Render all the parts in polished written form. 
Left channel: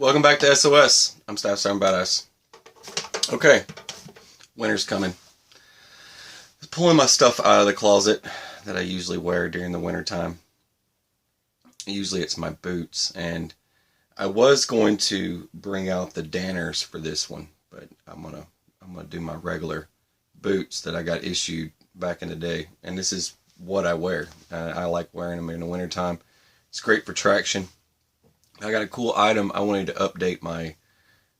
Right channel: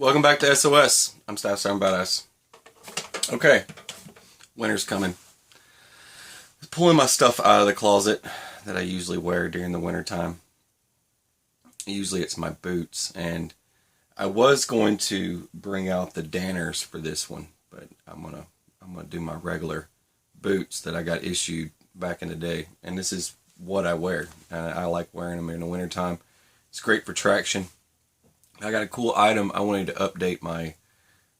Welcome back to SOS. I'm Staff Sergeant Badass. Okay, winter's coming. Pulling my stuff out of the closet that I usually wear during the winter time. Usually it's my boots, and I was going to bring out the Danners for this one, but I'm gonna do my regular boots that I got issued back in the day, and this is what I wear. I like wearing them in the winter time. It's great for traction. I got a cool item. I wanted to update my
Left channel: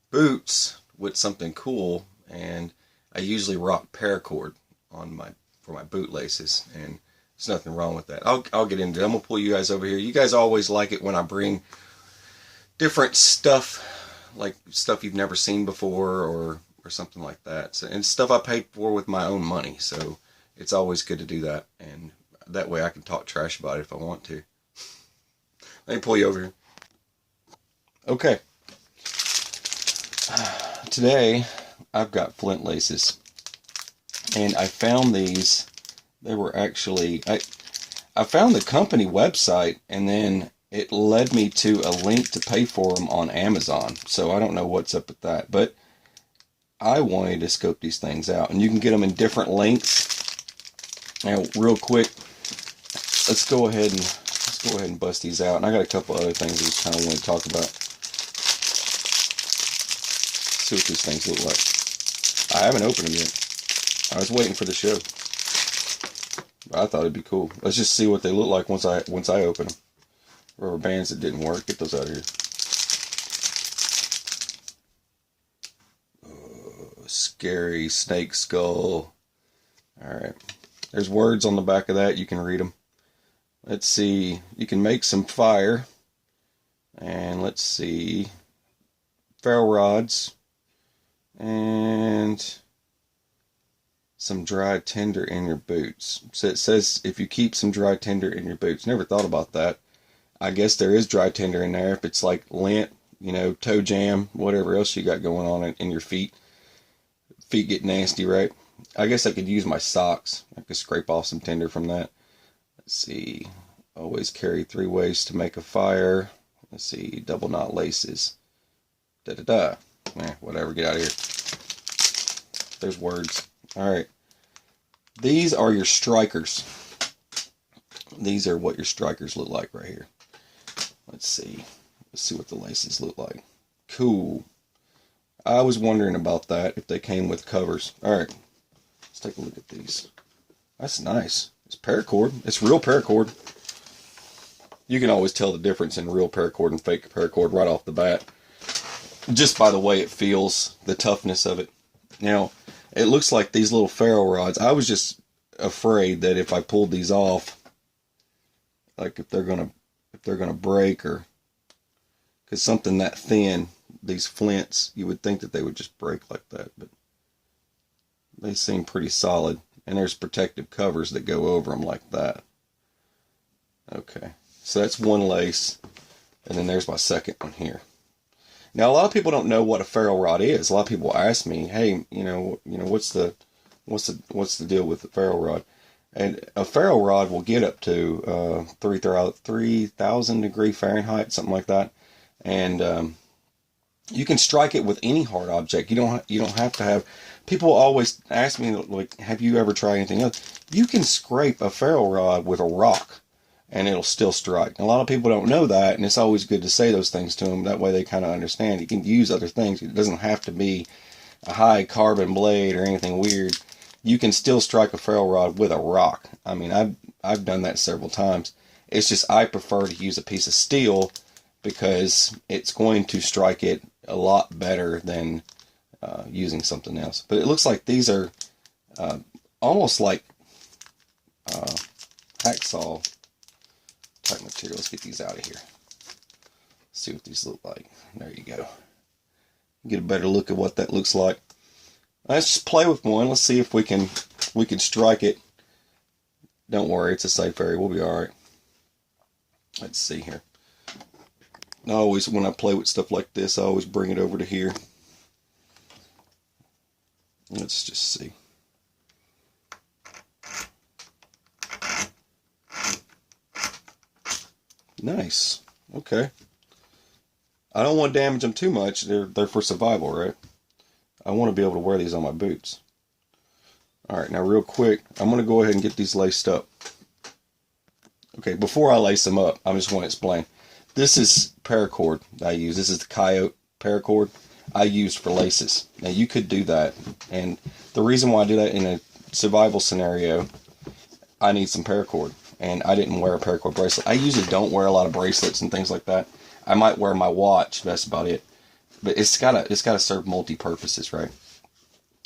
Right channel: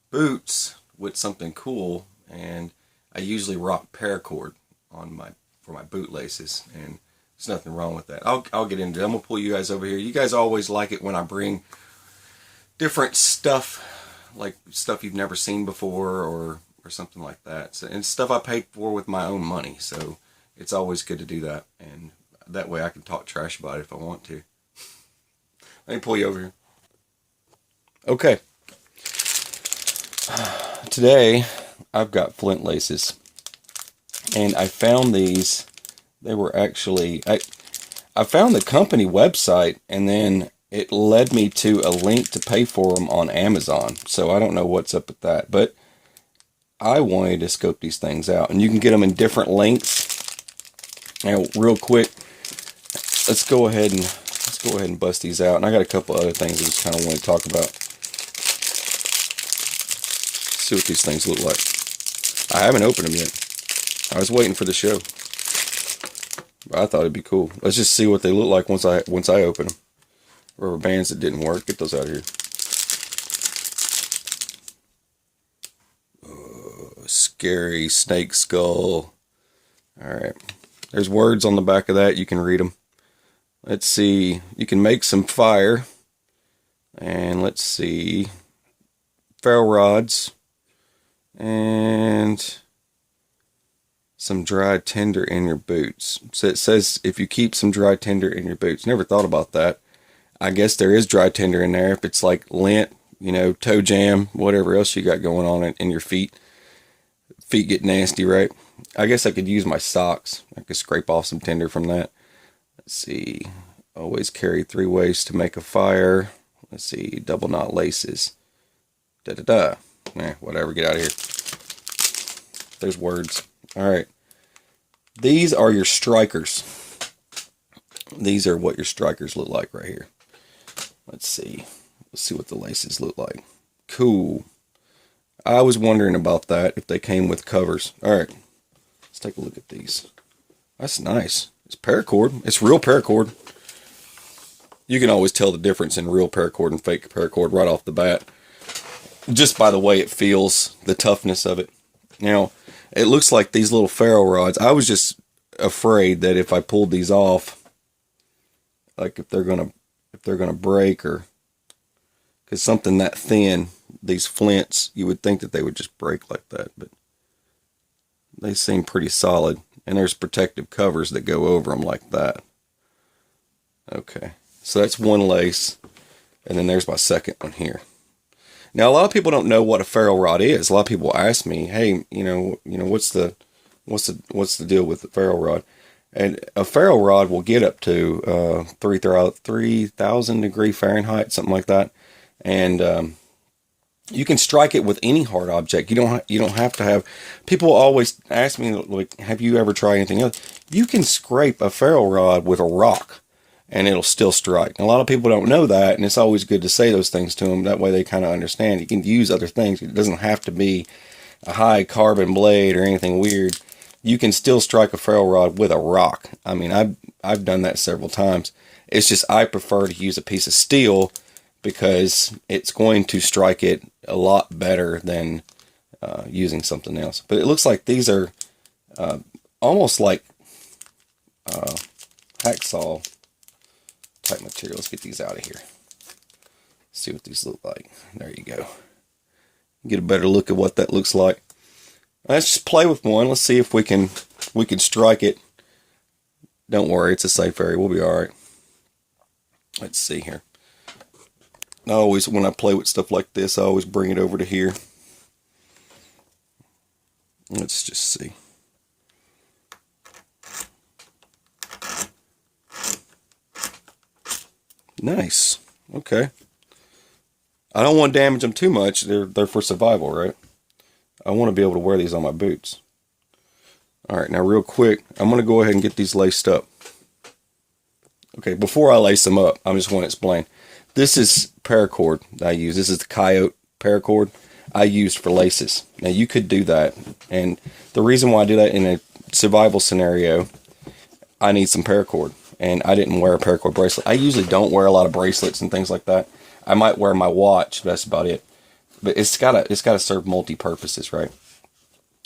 boots with something cool, and I usually rock Paracord for my boot laces, and there's nothing wrong with that. I'll get into it. I'm gonna pull you guys over here. You guys always like it when I bring different stuff, like stuff you've never seen before, or something like that. So, and stuff I paid for with my own money. So it's always good to do that, and that way I can talk trash about it if I want to. Let me pull you over here. Okay. Today, I've got Flint Laces. And I found these. They were actually... I found the company website, and then it led me to a link to pay for them on Amazon. So I don't know what's up with that. But I wanted to scope these things out. And you can get them in different lengths. Now, real quick, let's go ahead and bust these out. And I got a couple other things I just kind of want to talk about. See what these things look like. I haven't opened them yet. I was waiting for the show. But I thought it'd be cool. Let's just see what they look like once I open them. Rubber bands that didn't work. Get those out of here. Scary snake skull. Alright. There's words on the back of that. You can read them. Let's see. You can make some fire. And let's see. Ferro rods. And some dry tinder in your boots. So it says if you keep some dry tinder in your boots. Never thought about that. I guess there is dry tinder in there. If it's like lint, toe jam, whatever else you got going on in your feet. Feet get nasty, right? I guess I could use my socks. I could scrape off some tinder from that. Let's see. Always carry 3 ways to make a fire. Let's see. Double knot laces. Da-da-da. Whatever, get out of here. There's words. Alright. These are your strikers. These are what your strikers look like right here. Let's see. Let's see what the laces look like. Cool. I was wondering about that, if they came with covers. Alright. Let's take a look at these. That's nice. It's paracord. It's real paracord. You can always tell the difference in real paracord and fake paracord right off the bat. Just by the way it feels, the toughness of it. Now, it looks like these little ferro rods. I was just afraid that if I pulled these off, like if they're gonna break, or because something that thin, these flints, you would think that they would just break like that, but they seem pretty solid. And there's protective covers that go over them like that. Okay, so that's one lace, and then there's my second one here. Now, a lot of people don't know what a ferro rod is. A lot of people ask me, "Hey, what's the deal with the ferro rod?" And a ferro rod will get up to 3,000 degree Fahrenheit, something like that. And you can strike it with any hard object. You don't have to have. People always ask me, like, "Have you ever tried anything else?" You can scrape a ferro rod with a rock, and it'll still strike. A lot of people don't know that, and it's always good to say those things to them. That way they kind of understand. You can use other things. It doesn't have to be a high carbon blade or anything weird. You can still strike a ferro rod with a rock. I mean, I've done that several times. It's just I prefer to use a piece of steel because it's going to strike it a lot better than using something else. But it looks like these are almost like hacksaw type material. Let's get these out of here. See what these look like. There you go. Get a better look at what that looks like. Let's just play with one. Let's see if we can strike it. Don't worry, it's a safe area. We'll be all right. Let's see here. I always, when I play with stuff like this, I always bring it over to here. Let's just see. Nice. Okay. I don't want to damage them too much. They're for survival, right? I want to be able to wear these on my boots. Alright, now real quick, I'm going to go ahead and get these laced up. Okay, before I lace them up, I just want to explain. This is paracord that I use. This is the Coyote paracord I used for laces. Now you could do that, and the reason why I do that in a survival scenario, I need some paracord, and I didn't wear a paracord bracelet. I usually don't wear a lot of bracelets and things like that. I might wear my watch, that's about it. But it's gotta serve multi-purposes, right?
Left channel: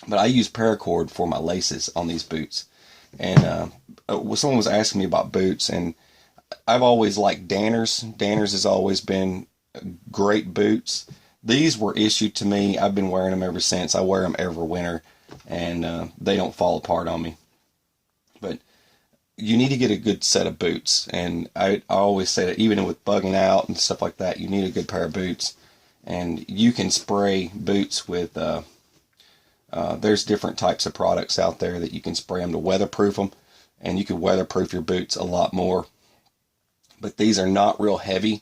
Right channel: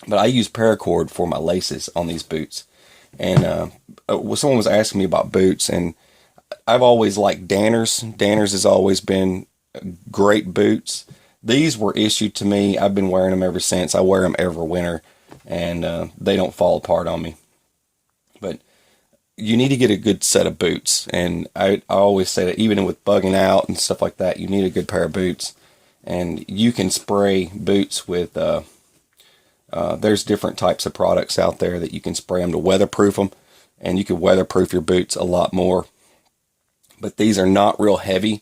But I use paracord for my laces on these boots. And someone was asking me about boots, and I've always liked Danners. Danners has always been great boots. These were issued to me. I've been wearing them ever since. I wear them every winter, and they don't fall apart on me. But you need to get a good set of boots, and I always say that even with bugging out and stuff like that, you need a good pair of boots. And you can spray boots with there's different types of products out there that you can spray them to weatherproof them, and you can weatherproof your boots a lot more. But these are not real heavy,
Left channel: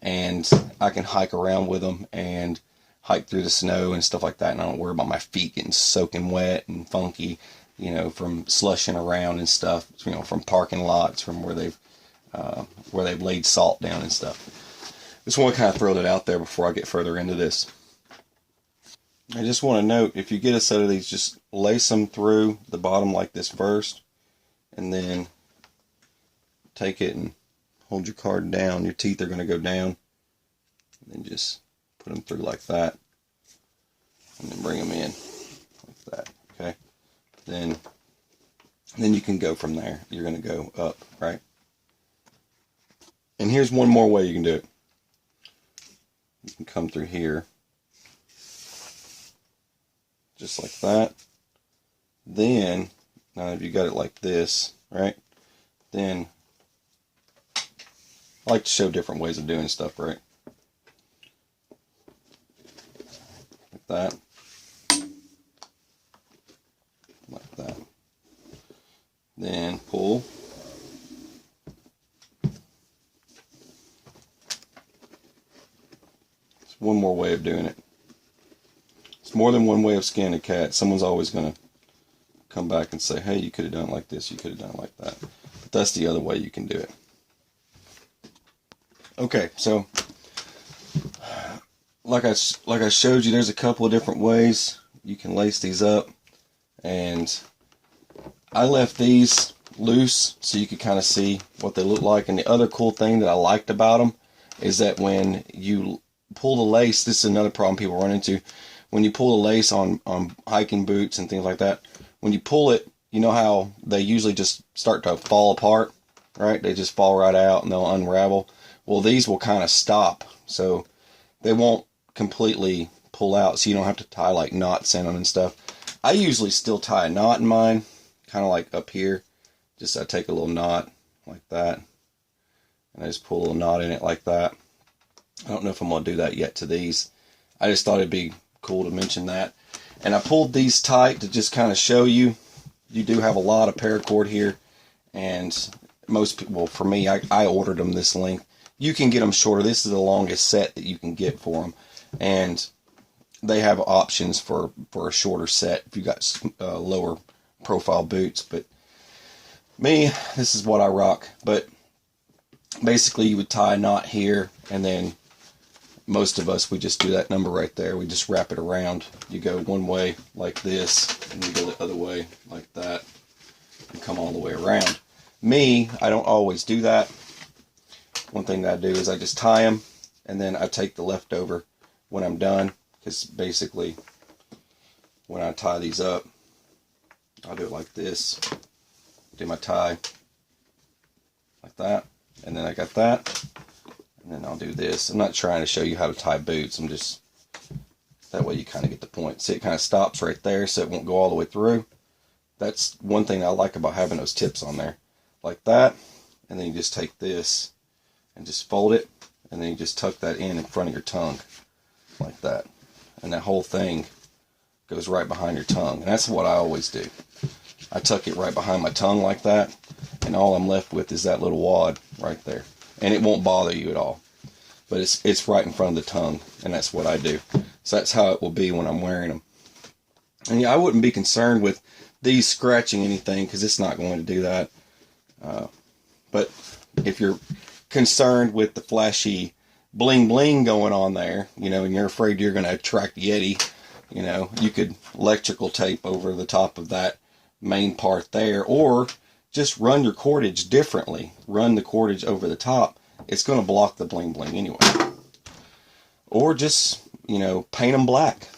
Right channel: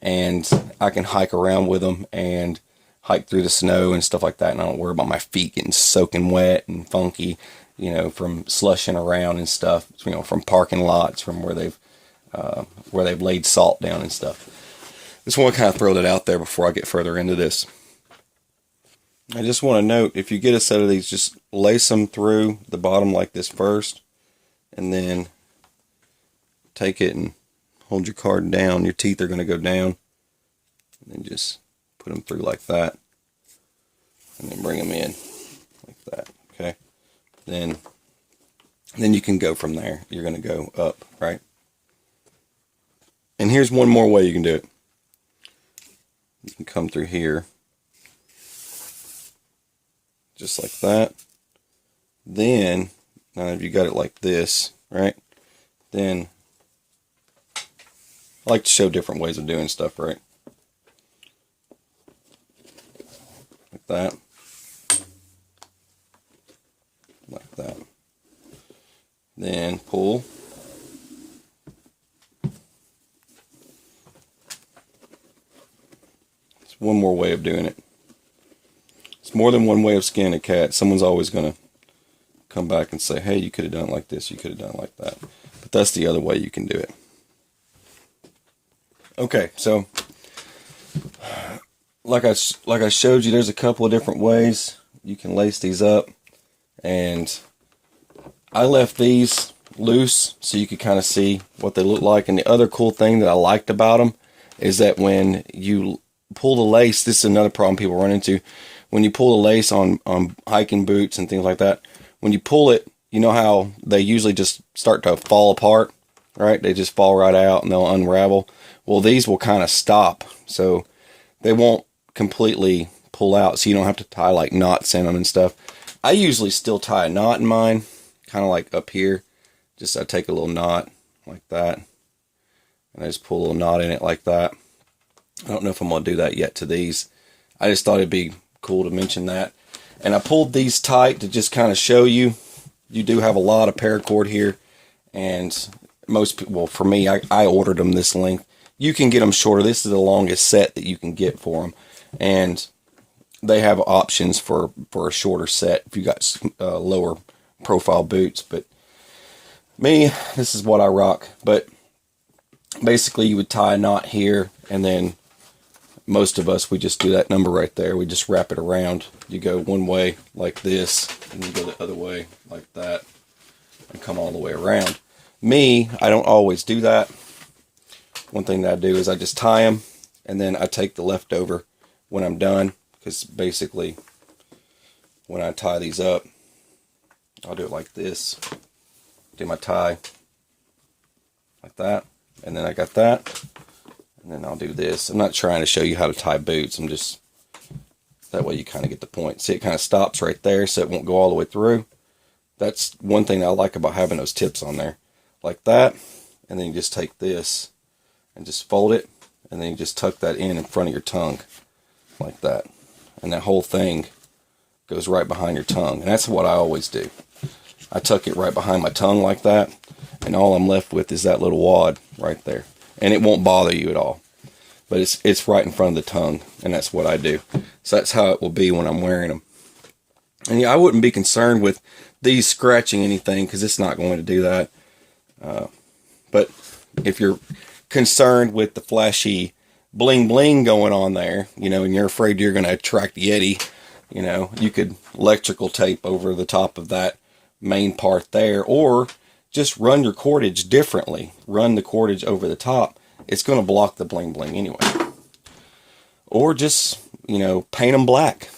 and I can hike around with them and hike through the snow and stuff like that, and I don't worry about my feet getting soaking wet and funky, you know, from slushing around and stuff, you know, from parking lots, from where they've laid salt down and stuff. Just want to kind of throw that out there before I get further into this. I just want to note, if you get a set of these, just lace them through the bottom like this first, and then take it and hold your card down. Your teeth are going to go down, and then just put them through like that, and then bring them in like that. Okay, then you can go from there. You're going to go up, right? And here's one more way you can do it. You can come through here, just like that. Then, now if you got it like this, right? Then, I like to show different ways of doing stuff, right? Like that. Like that. Then pull. One more way of doing it. It's more than one way of skinning a cat. Someone's always going to come back and say, hey, you could have done it like this, you could have done it like that. But that's the other way you can do it. Okay, so like I showed you, there's a couple of different ways you can lace these up. And I left these loose so you could kind of see what they look like. And the other cool thing that I liked about them is that when you pull the lace, this is another problem people run into. When you pull the lace on hiking boots and things like that, when you pull it, you know how they usually just start to fall apart, right? They just fall right out and they'll unravel. Well, these will kind of stop, so they won't completely pull out, so you don't have to tie like knots in them and stuff. I usually still tie a knot in mine, kind of like up here. Just I take a little knot like that, and I just pull a little knot in it like that. I don't know if I'm going to do that yet to these. I just thought it'd be cool to mention that. And I pulled these tight to just kind of show you. You do have a lot of paracord here. And most people, well, for me, I ordered them this length. You can get them shorter. This is the longest set that you can get for them. And they have options for a shorter set if you got lower profile boots. But me, this is what I rock. But basically, you would tie a knot here, and then most of us, we just do that number right there. We just wrap it around. You go one way like this, and you go the other way like that, and come all the way around. Me, I don't always do that. One thing that I do is I just tie them, and then I take the leftover when I'm done, because basically, when I tie these up, I'll do it like this. Do my tie like that, and then I got that. And then I'll do this. I'm not trying to show you how to tie boots. I'm just, that way you kind of get the point. See, it kind of stops right there so it won't go all the way through. That's one thing I like about having those tips on there. Like that. And then you just take this and just fold it. And then you just tuck that in front of your tongue. Like that. And that whole thing goes right behind your tongue. And that's what I always do. I tuck it right behind my tongue like that. And all I'm left with is that little wad right there. And it won't bother you at all. but it's right in front of the tongue, and that's what I do. So that's how it will be when I'm wearing them. And yeah, I wouldn't be concerned with these scratching anything, because it's not going to do that. But if you're concerned with the flashy bling bling going on there, you know, and you're afraid you're going to attract Yeti, you know, you could electrical tape over the top of that main part there, or just run your cordage differently. Run the cordage over the top. It's going to block the bling bling anyway. Or just, you know, paint them black.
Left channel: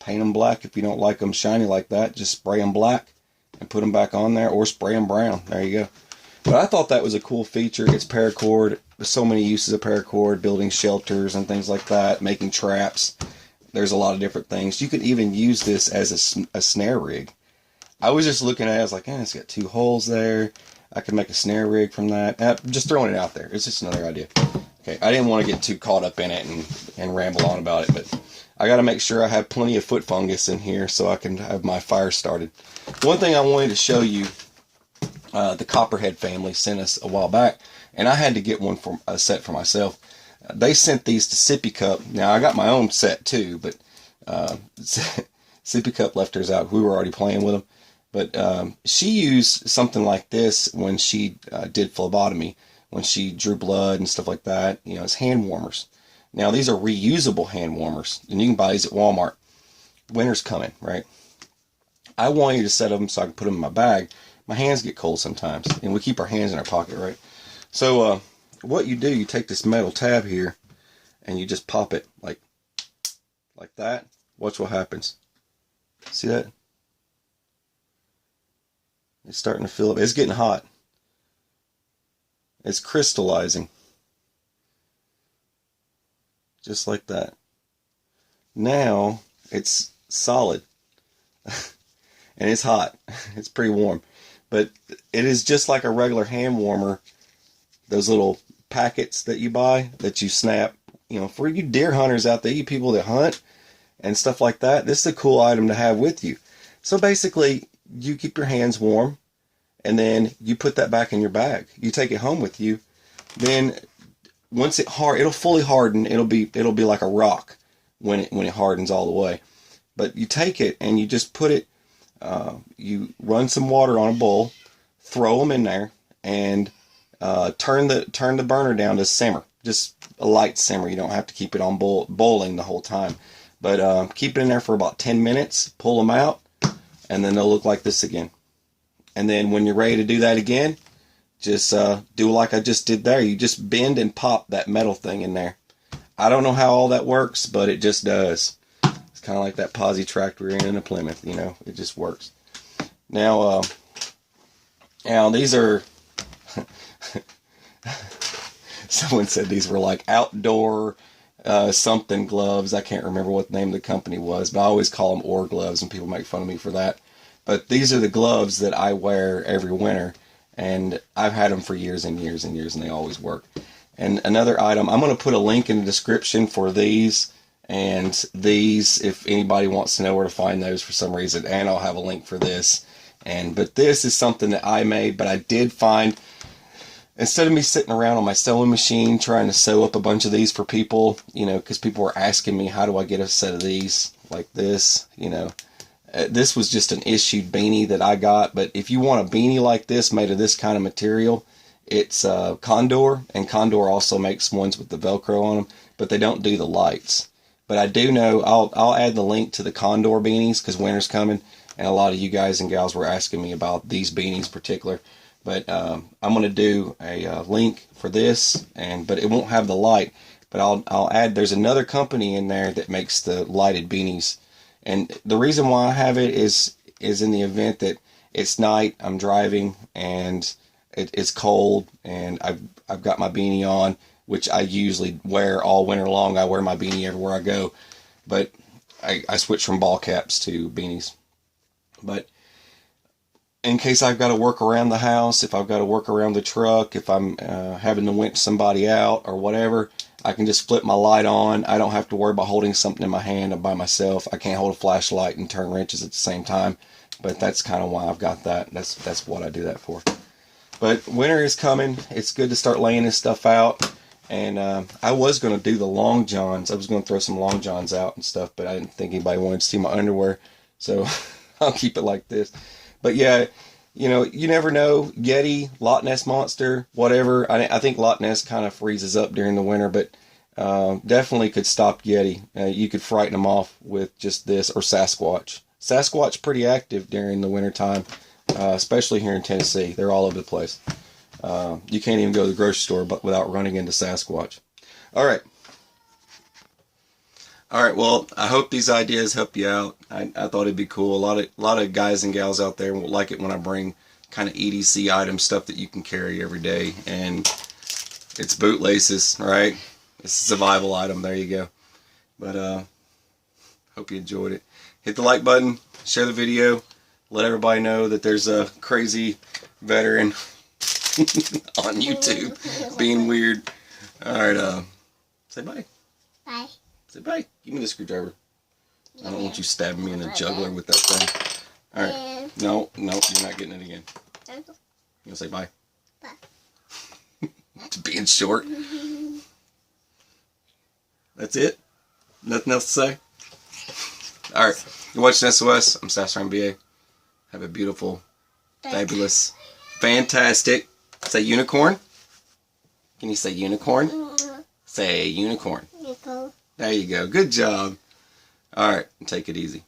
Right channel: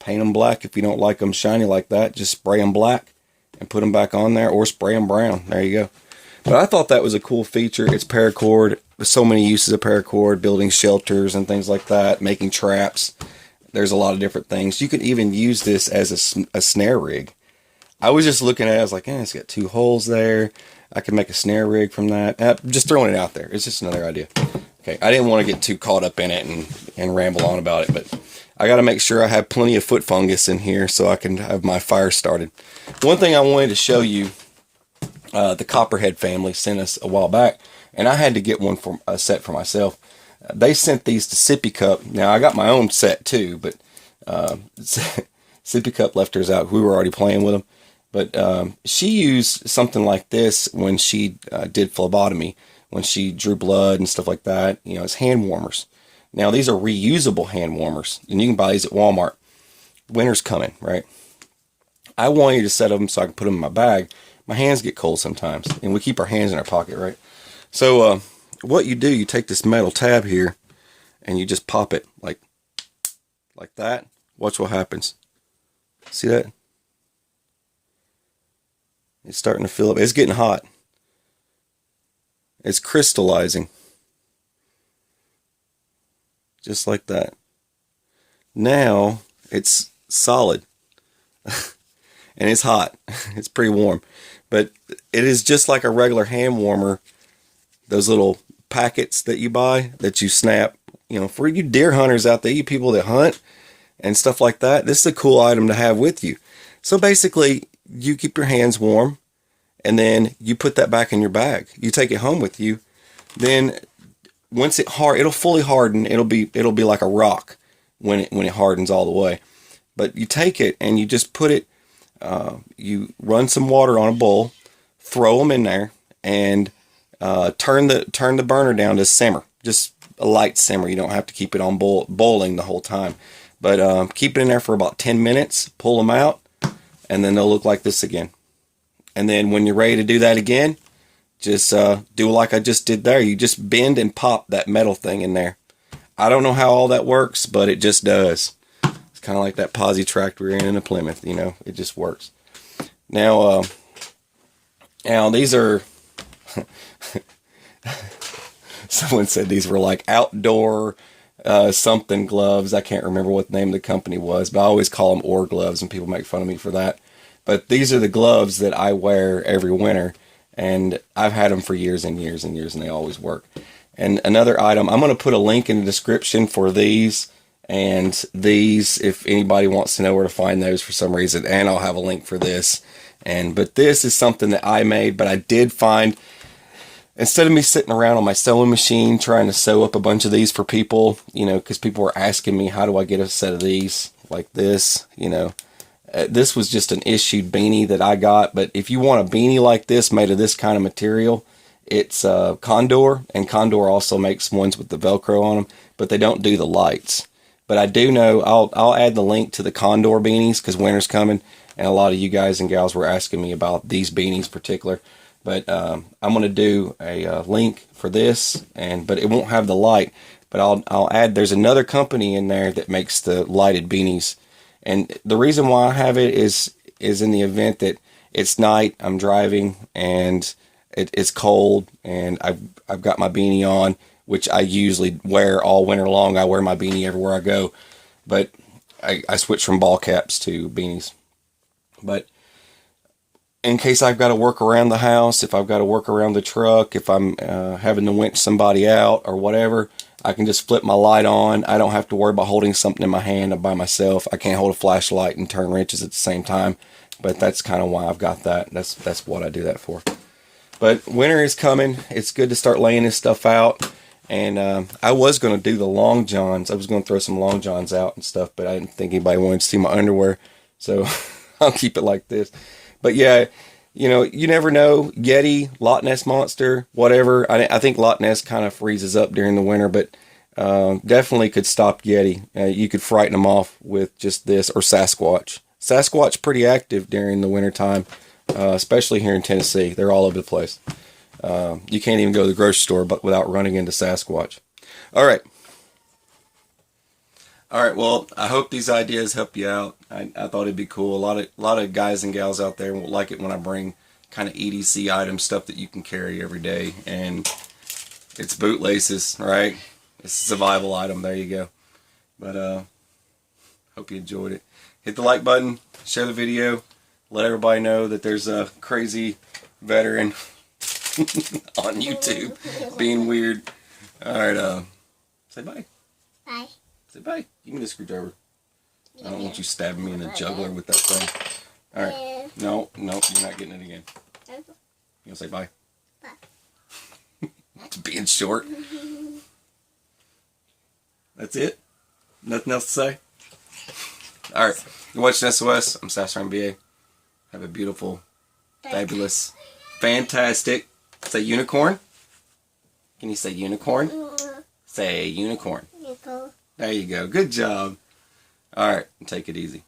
Paint them black. If you don't like them shiny like that, just spray them black and put them back on there, or spray them brown. There you go. But I thought that was a cool feature. It's paracord. There's so many uses of paracord, building shelters and things like that, making traps. There's a lot of different things. You could even use this as a snare rig. I was just looking at it, I was like, it's got 2 holes there. I could make a snare rig from that. I'm just throwing it out there. It's just another idea. Okay, I didn't want to get too caught up in it and ramble on about it, but I got to make sure I have plenty of foot fungus in here so I can have my fire started. One thing I wanted to show you, the Copperhead family sent us a while back, and I had to get one for a set for myself. They sent these to Sippy Cup. Now, I got my own set too, but Sippy Cup left hers out. We were already playing with them. But she used something like this when she did phlebotomy, when she drew blood and stuff like that. You know, it's hand warmers. Now, these are reusable hand warmers, and you can buy these at Walmart. Winter's coming, right? I wanted a set of them so I can put them in my bag. My hands get cold sometimes, and we keep our hands in our pocket, right? So what you do, you take this metal tab here, and you just pop it like that. Watch what happens. See that? It's starting to fill up. It's getting hot. It's crystallizing. Just like that. Now it's solid. And it's hot. It's pretty warm. But it is just like a regular hand warmer. Those little packets that you buy, that you snap. You know, for you deer hunters out there, you people that hunt and stuff like that, this is a cool item to have with you. So basically, you keep your hands warm, and then you put that back in your bag. You take it home with you. Then once it'll fully harden. It'll be like a rock when it hardens all the way. But you take it and you just put it. You run some water on a bowl, throw them in there, and turn the burner down to simmer. Just a light simmer. You don't have to keep it on boiling the whole time. But keep it in there for about 10 minutes. Pull them out, and then they'll look like this again. And then when you're ready to do that again, just do like I just did there. You just bend and pop that metal thing in there. I don't know how all that works, but it just does. It's kind of like that posi tractor we're in a Plymouth, you know. It just works. Now these are... Someone said these were like outdoor something gloves. I can't remember what the name of the company was, but I always call them Orr gloves, and people make fun of me for that. But these are the gloves that I wear every winter, and I've had them for years and years and years, and they always work. And another item, I'm going to put a link in the description for these and these, if anybody wants to know where to find those for some reason, and I'll have a link for this. But this is something that I made, but I did find, instead of me sitting around on my sewing machine trying to sew up a bunch of these for people, you know, because people were asking me, how do I get a set of these like this, you know. This was just an issued beanie that I got, but if you want a beanie like this made of this kind of material, it's Condor, and Condor also makes ones with the Velcro on them, but they don't do the lights. But I do know, I'll add the link to the Condor beanies, because winter's coming, and a lot of you guys and gals were asking me about these beanies in particular. But I'm going to do a link for this, but it won't have the light. But I'll add, there's another company in there that makes the lighted beanies. And the reason why I have it is in the event that it's night, I'm driving, and it's cold, and I've got my beanie on, which I usually wear all winter long. I wear my beanie everywhere I go. But I switch from ball caps to beanies. But in case I've got to work around the house, if I've got to work around the truck, if I'm having to winch somebody out or whatever, I can just flip my light on. I don't have to worry about holding something in my hand by myself. I can't hold a flashlight and turn wrenches at the same time. But that's kind of why I've got that. That's what I do that for. But winter is coming. It's good to start laying this stuff out. And I was going to do the long johns. I was going to throw some long johns out and stuff, but I didn't think anybody wanted to see my underwear. So I'll keep it like this. But yeah, you know, you never know. Yeti, Loch Ness Monster, whatever. I think Loch Ness kind of freezes up during the winter, but definitely could stop Yeti. You could frighten them off with just this, or Sasquatch. Sasquatch pretty active during the wintertime, especially here in Tennessee. They're all over the place. You can't even go to the grocery store but without running into Sasquatch. All right. All right. Well, I hope these ideas help you out. I thought it'd be cool. A lot of guys and gals out there will like it when I bring kind of EDC items, stuff that you can carry every day. And it's boot laces, right? It's a survival item. There you go. But hope you enjoyed it. Hit the like button. Share the video. Let everybody know that there's a crazy veteran on YouTube being weird. Alright, say bye. Bye. Say bye. Give me the screwdriver. I don't want you stabbing me in the jugular with that thing. Alright. No, you're not getting it again. You gonna say bye? Bye. It's being short. That's it? Nothing else to say? Alright. You're watching SOS. I'm Sassron BA. Have a beautiful, fabulous, fantastic. Say unicorn. Can you say unicorn? Say unicorn. There you go. Good job. All right. Take it easy.